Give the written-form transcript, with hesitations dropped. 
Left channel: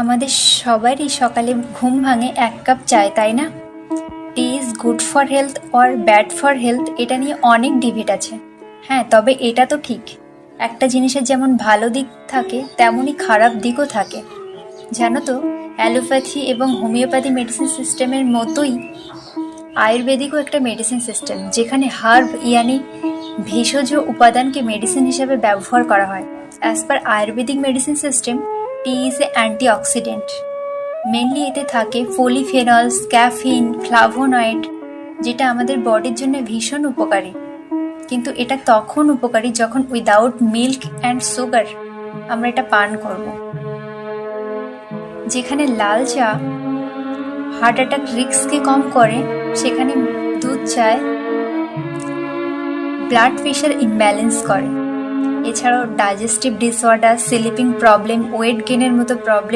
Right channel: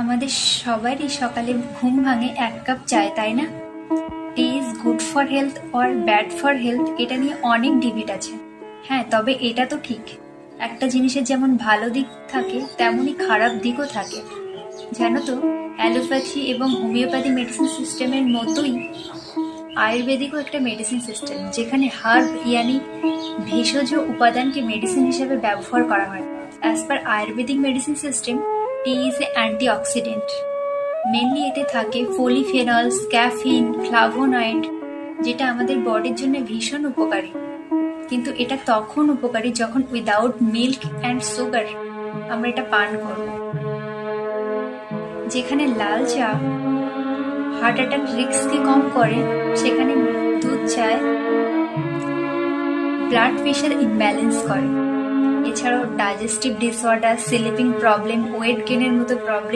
আমাদের সবারই সকালে ঘুম ভাঙে 1 কাপ চায়, তাই না? Tea is good for health or bad for health, এটা নিয়ে অনেক ডিবেট আছে। হ্যাঁ, তবে এটা তো ঠিক, একটা জিনিসের যেমন ভালো দিক থাকে তেমনই খারাপ দিকও থাকে। জানো তো, অ্যালোপ্যাথি এবং হোমিওপ্যাথি মেডিসিন সিস্টেমের মতোই আয়ুর্বেদিকও একটা মেডিসিন সিস্টেম, যেখানে হার্ব ইয়ানি ভেষজ উপাদানকে মেডিসিন হিসেবে ব্যবহার করা হয়। As per Ayurvedic medicine system, T is a antioxidant. Mainly এতে থাকে পলিফেনলস, ক্যাফিন, ফ্লাভোনয়েড, যেটা আমাদের বডির জন্য ভীষণ উপকারী। কিন্তু এটা তখন উপকারী যখন উইদাউট মিল্ক অ্যান্ড সুগার আমরা এটা পান করব। যেখানে লাল চা হার্ট অ্যাটাক রিস্ককে কম করে, সেখানে দুধ চায় ব্লাড প্রেশার ইমব্যালেন্স করে। এছাড়াও digestive disorder, sleeping problem, weight গেনের মতো প্রবলেম